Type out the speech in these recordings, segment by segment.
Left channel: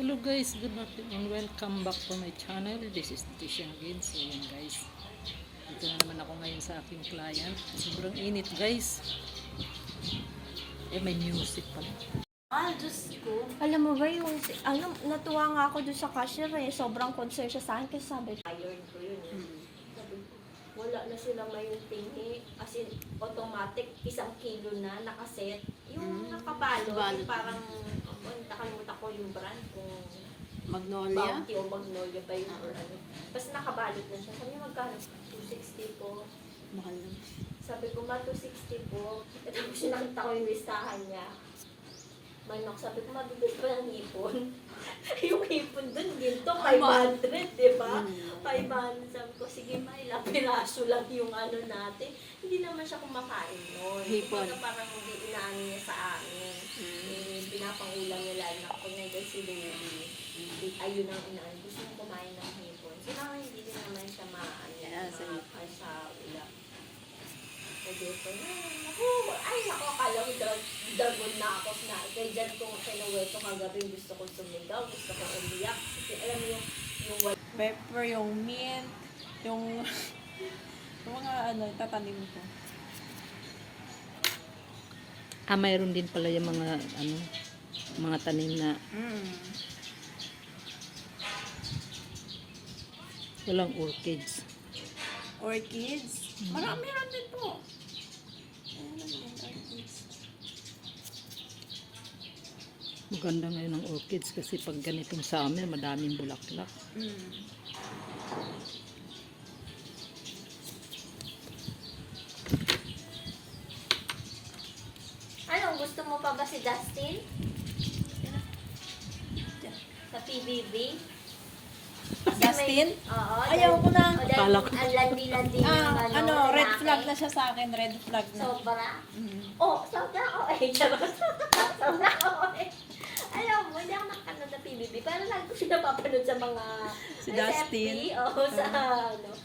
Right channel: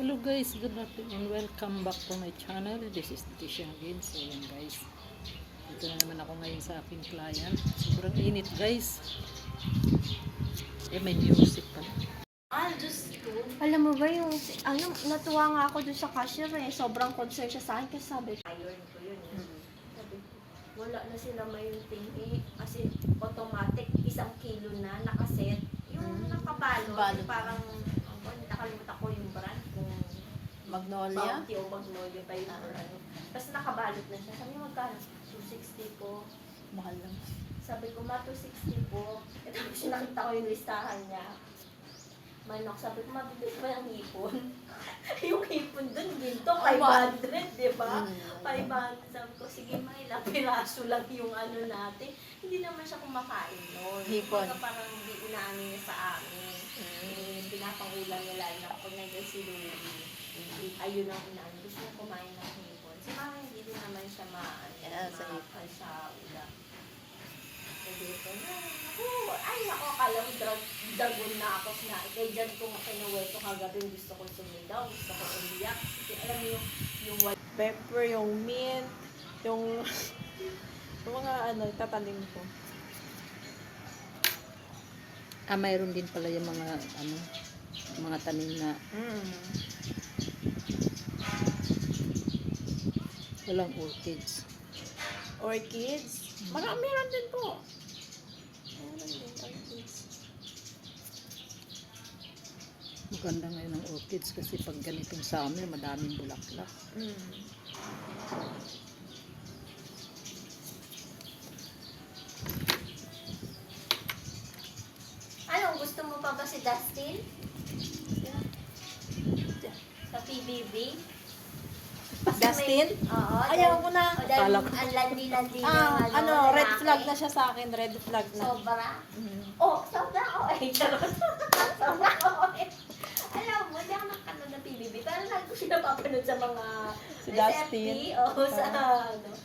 Hello guys, good afternoon. Welcome back to my channel. This is Tisha again. So yan guys. Dito na naman ako ngayon sa aking client. Sobrang init guys. May music pala. Diyos ko. Alam mo ba yung, natuwa nga ako dun sa cashier sobrang concerned siya sa akin kasi sabi, iron ko yun Sabi, wala na sila may tingi, as in, automatic, 1 kilo na, nakaset. Yung nakabalo, parang, nakalimutan ko yung brand, kung Magnolia? Bounty o Magnolia ba yun or ano. Tapos nakabalot na siya. Sabi niya, magkano? 260 po. Mahal lang. Sabi ko, 260 po. At tapos sinakita ko yung listahan niya. Manak, sabi ko, mabibig ba ng hipon? Yung hipon dun, ginto, 500, di ba? 500. Sabi ko, sige, may ilang piraso lang yung ano natin. Hindi naman siya kumakain nun. Hipon. Kaya parang hindi inaano niya sa amin. Pinapangulan niya lang na kapag nag si Louie. Ayun ang inaano. Gusto niya kumain ng hipon. Si mama hindi din naman siya sa ulam. So, dito na. Ay, naku, akala ko dragon na ako na. Kaya dyan kung kinuweto kagabi, gusto ko sumigaw, gusto ko umiyak. Kasi alam mo yung pepper, yung mint, yung mga tatanim ko. Mayroon din pala yung mga tanim na walang orchids. Orchids? Marami lang din po. Orchids. Maganda ngayon ang orchids kasi pag ganitong sa amin, madaming bulaklak. Anong gusto mo pa ba si Dustin? Sa PBB? Dustin? Oo. Ayaw ko na. Ang landi-landi yung Red flag na siya sa akin. Red flag na. Sobra? Sobra? Charot. Sobra? Alam mo, hindi ako nakakanood ng PBB. Pero lagi ko siya napapanood sa mga Si Dustin? sa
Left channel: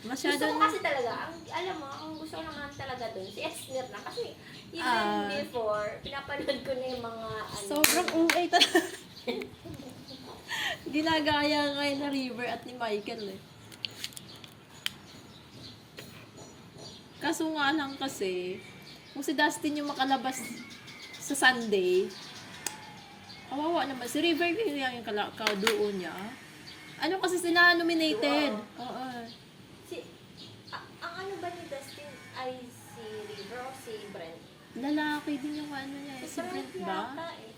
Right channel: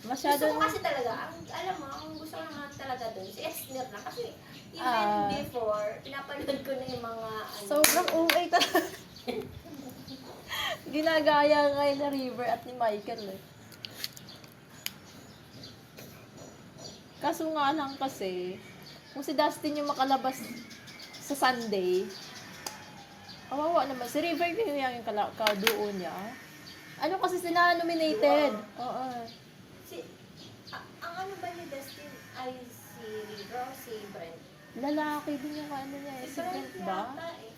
Masyado gusto ko na. kasi talaga, alam mo, ang gusto ko naman talaga doon, si Esner na. Kasi even before, pinapanood ko na yung mga Sobrang OA talaga. Ginagaya ngayon na River at ni Michael Kaso nga lang kasi, kung si Dustin yung makalabas sa Sunday, awawa naman. Si River yung kaduo niya. Ano kasi sila nominated? Oo. Ang ano ba ni Dustin ay si River o si Brent? Lalaki din yung ano niya eh. Si Brent ba? Yata eh.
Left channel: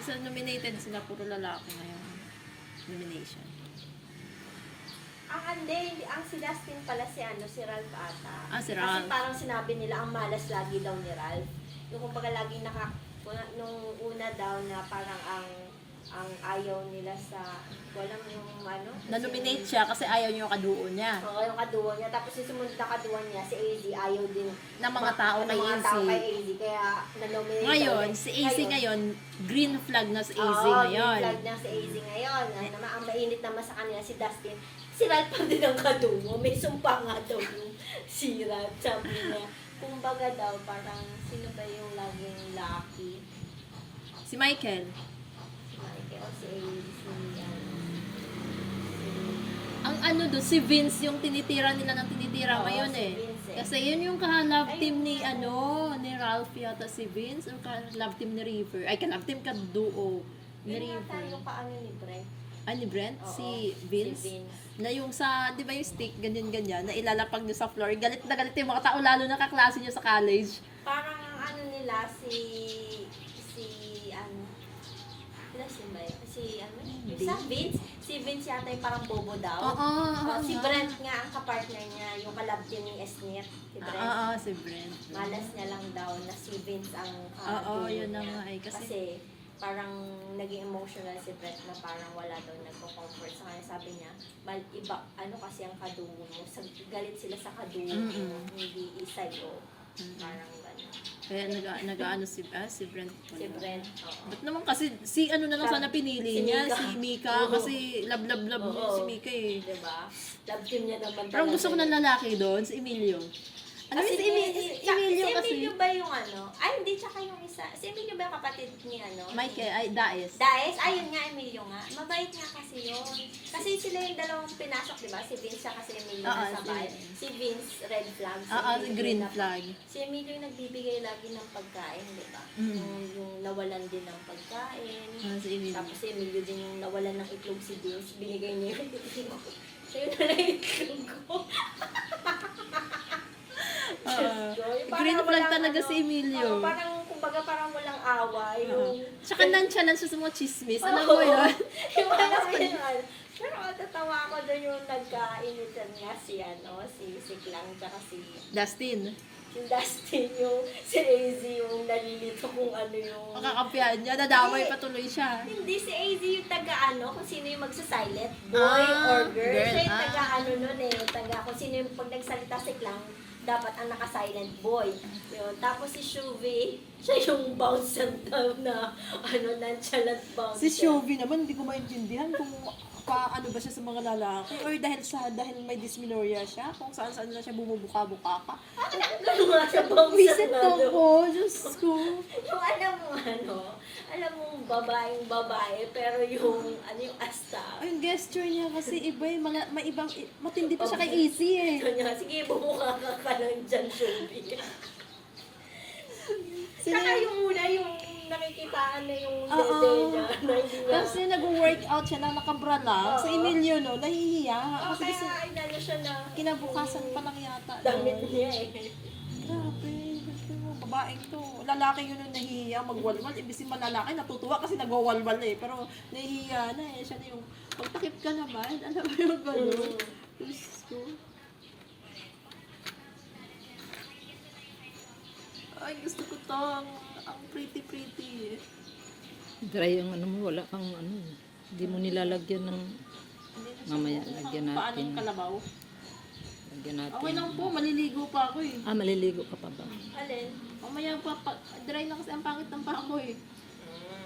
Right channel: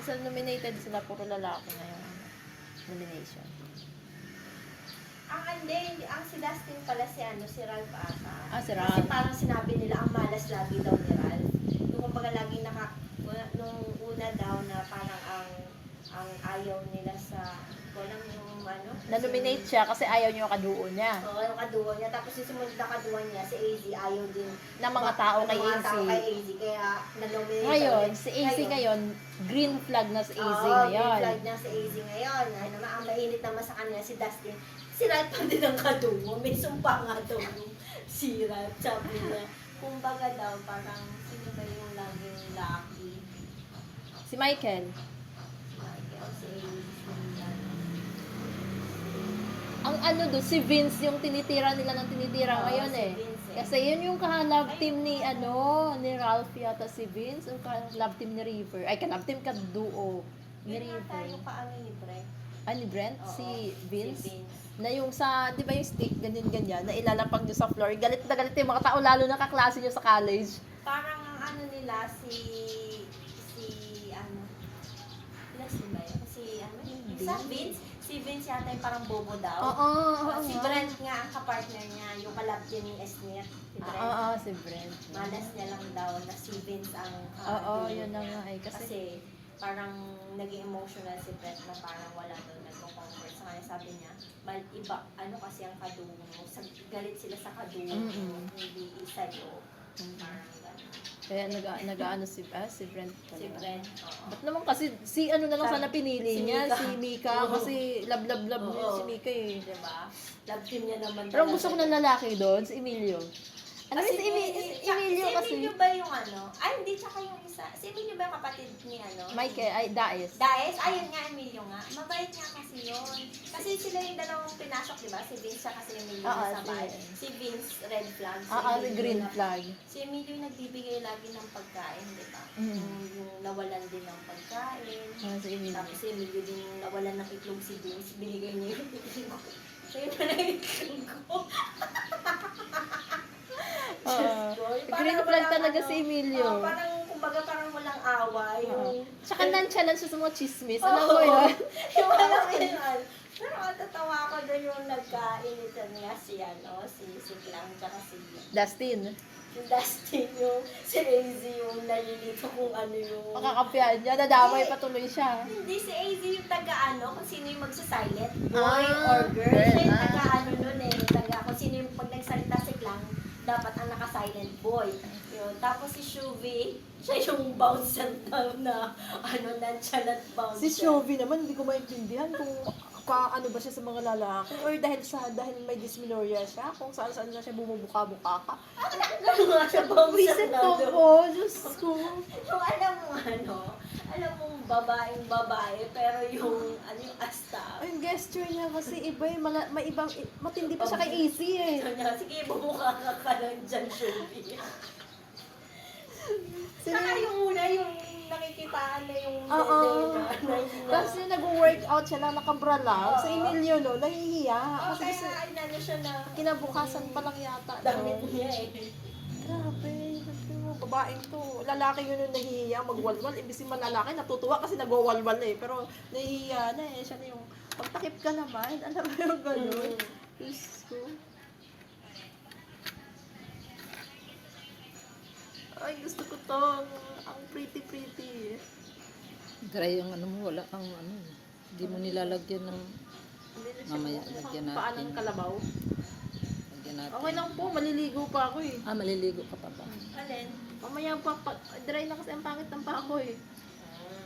Kasi nominated sila, puro lalaki na yung nomination. Hindi. Ang si Dustin pala si Ralph ata. Si Kasi Ralph. parang sinabi nila, ang malas lagi daw ni Ralph. Yung kumbaga laging nung una daw na parang ang ayaw nila sa, walang yung ano. Na-nominate siya kasi ayaw niyo yung kaduo niya. Oo, yung kaduwa niya. Tapos yung sumunod na kaduwa niya, si AZ, ayaw din. Ng mga tao kay Ng mga AZ. tao kay AZ. Kaya na-nominate. Ngayon, si AZ ngayon, green flag na si AZ ngayon. Oo, flag na si AZ ngayon. Ang mainit naman sa kanila si Dustin. Si Ralph pa din ang kaduwa. May sumpa nga daw yung si Ralph. Sabi niya, kumbaga daw, parang sino ba yung laging lucky? Si Michael. Ang ano doon, si Vince yung tinitira nila ng tinitira ngayon si eh. Vince eh. Kasi yun yung ka-love team ni ni Ralph yata si Vince, yung ka-love team ni River. Ay, ka-love team ka-duo ni Yun yata River. yung paano ni Brent. Ni Brent? Oo, Si Vince? Si Vince. Na yung sa, di ba yung stick, ganyan-ganyan, na ilalapag doon sa floor. Galit na galit yung mga tao, lalo na kaklase niya sa college. Parang ang ano nila, si ba yun? Si Vince yata yung parang bobo daw. Oo. Si Brent nga ang kapartner niya, yung kalab din ni Esnir. Si Brent. Oo, si Brent. Malas niya lang daw na si Vince ang Oo, duo yun na niya. nga eh. Kasi parang naging emotional si Brent na parang wala daw nagko-comfort sa kanya. Sabi niya, iba, ano kasi ang kadugo mo. Galit sila sa kadugo mo, hindi isa yo. Parang gano'n. kaya nag-ano si Brent pala. Si Brent, oo. Ba't naman kasi, si ano na lang sana pinili Si niya, Mika. si Mika. Oo. Kasi love niya Oo. si Mika eh. Diba? Love team niya naman. Pero ang gusto ko ng lalaki doon, si Emilio. Ano Kasi si Emilio? Emilio ba yung ano? Ay, hindi, tsaka yung isa. Si Emilio ba yung kapatid ni ano? Michael, ay, Daes. Daes? Ayun nga, Emilio nga. Mabait nga kasi yun. Kasi sila yung dalawang pinasok, di ba? Si Vince at si Emilio Oo, na sabay. si- Si Vince, red flag. Si Oo, si Emilio green na- flag. Si Emilio yung nagbibigay lagi ng pagkain, di ba? Mm. Yung nawalan din ng pagkain. Si Emilio. Tapos si Emilio din yung nawalan ng itlog si Vince. Binigay niya yung itlog. Siya yung na itlog ko. Yung Green parang flag walang talaga ano, si Emilio. parang, kumbaga parang walang away. Yung, Tsaka nonchalant siya sa mga chismis. Oo. Alam mo yun? yung alam mo yun. Pero natatawa ako doon yung nagkainitan niya si si Klang, tsaka si Dustin. Dustin, yung si AZ yung nalilito kung ano yung... Makakampihan niya. Nadamay patuloy siya. Hindi, si AZ yung taga-ano, kung sino yung magsasilent, boy Ah, or girl. Siya yung ah. taga-ano nun eh, kung sino yung pag nagsalita si Klang, dapat ang naka-silent boy. Yun. Tapos si Shuvi, siya yung bouncer na nonchalant bouncer. Si Shovie naman, hindi ko maintindihan kung ano ba siya sa mga lalaki or dahil may dysmenorrhea siya, kung saan na siya bumubuka-buka ka. Ano nga siya bouncer Visit na ko doon. po, Diyos ko. Yung alam mo babae, pero yung asta. Yung gesture niya kasi iba eh, may ibang, matindi pa siya kay AC eh. Sige, bumuka ka lang dyan, Shuvi. Sila Saka yung una, yung nakikitaan na yung Oo. dede na hindi niya. Kasi nag-workout siya na nakabra lang. Sa Oo. Emilio, no, nahihiya. Oh, Kasi kaya inano siya na kinabukasan pa lang yata. damit no? niya eh. Grabe, babaeng to. Lalaki yun yung nahihiya magwalwal. Ibig si malalaki, natutuwa kasi nagwawalwal eh. Pero nahihiya na eh. Siya na yung, magtakip ka naman. Alam mo yung gano'n. Diyos ko. Ay, gusto ko to. Ang pretty. Dry ang ano mo, wala kang ano. Hindi mo nilalagyan ng, Hindi na siya Mamaya, mukhang lagyan paan natin. ng kalabaw. lagyan natin. Okay lang po, maliligo pa ako eh. Maliligo ka pa ba? Alin? Mamaya dry na kasi ang pangit ng paa ko eh.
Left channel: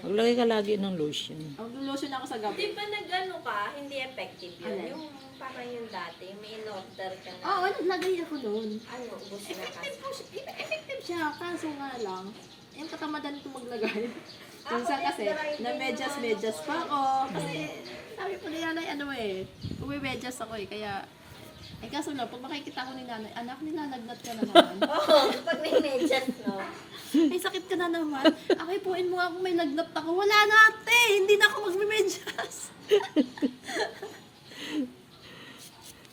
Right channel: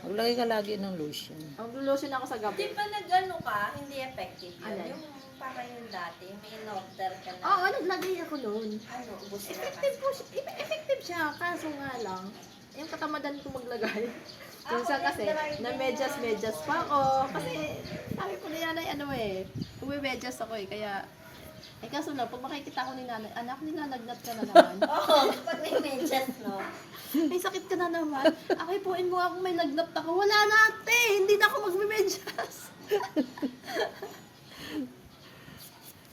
Maglagay ka lagi ng lotion. Ang lotion ako sa Di gabi. ba nag-ano ka, hindi effective yun? Alin? Yung parang yung dati, may in-order ka na. Oo, naglagay ako noon. Ano, ubos na Effective po siya. Effective siya, kaso nga lang, yung katamadan ko maglagay. Minsan kasi, na medyas pa ako. Kasi, sabi po ni nanay, ano eh, medyas ako eh, kaya, kaso lang, pag makikita ko ni nanay, anak, nilalagnat ka na naman. Oo, pag may medyas, no? May sakit ka na naman. Akay puin mo ako, may lagnat ako. Wala na ate, hindi na ako magme-medyas.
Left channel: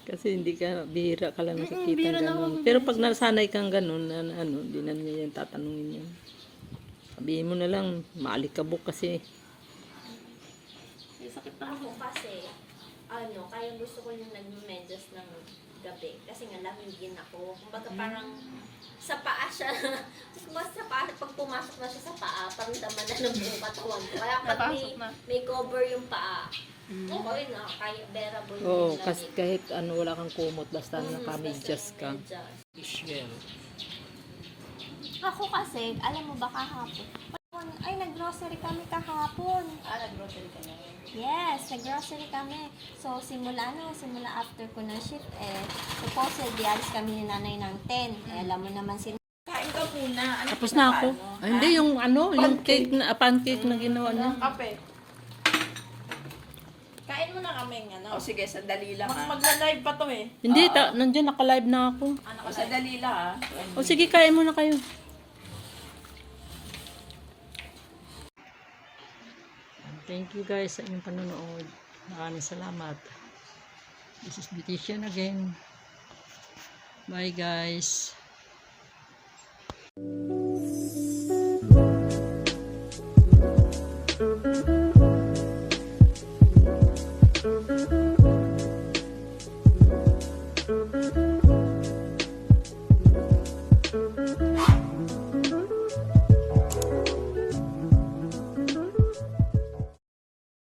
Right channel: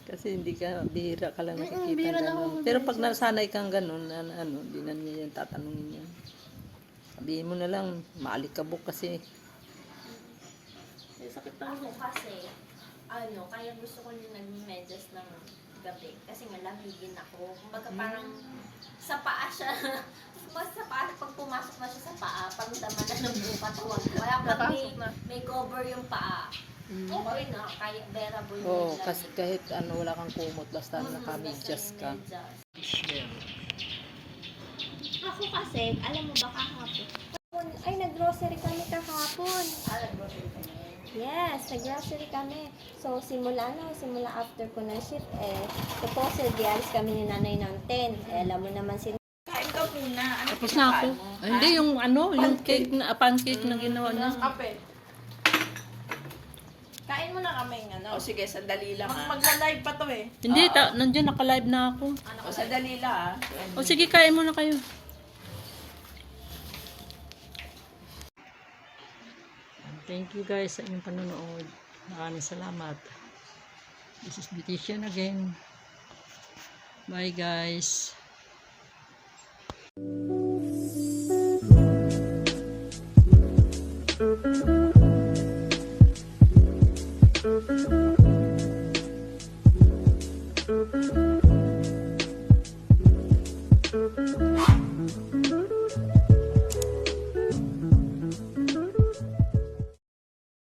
Kasi hindi ka, bihira ka lang nakikita bihira na ganun. ako Pero pag nasanay kang ganun, hindi na ngayon tatanungin yan. Sabihin mo na lang, maalikabok kasi. May sakit na ako. Ako kasi, kaya gusto ko yung nag-medyas ng gabi. Kasi nga, lamigin ako. Kumbaga parang sa paa siya. Sa paa, pag pumasok na siya sa paa, parang daman na ng buong katawan ko. Kaya pag Napasok na. may cover yung paa, okay na, kaya bearable na Oo, yung kasi lamig. kahit wala kang kumot, basta naka-medyas Basta ka. yung medyas. Shell. Ako kasi, alam mo ba kahapon? Ay, nag-grocery kami kahapon. Nag-grocery ka na yun? Yes, nag-grocery kami. So, simula after ko na shift, supposedly, alis kami ni nanay ng 10. Alam mo naman sila. Kain ka muna. Ano Tapos na ako. Ay, hindi, yung yung cake na, pancake na ginawa niya. Kape. Kain mo na kami ng O sige, sandali lang ah. Magla-live pa to eh. Hindi, nandiyan, naka-live na ako. O sandali lang ah. O sige, kain muna kayo. Thank you guys sa inyong panonood. Maraming salamat. This is Beautician again. Bye guys. Thank you.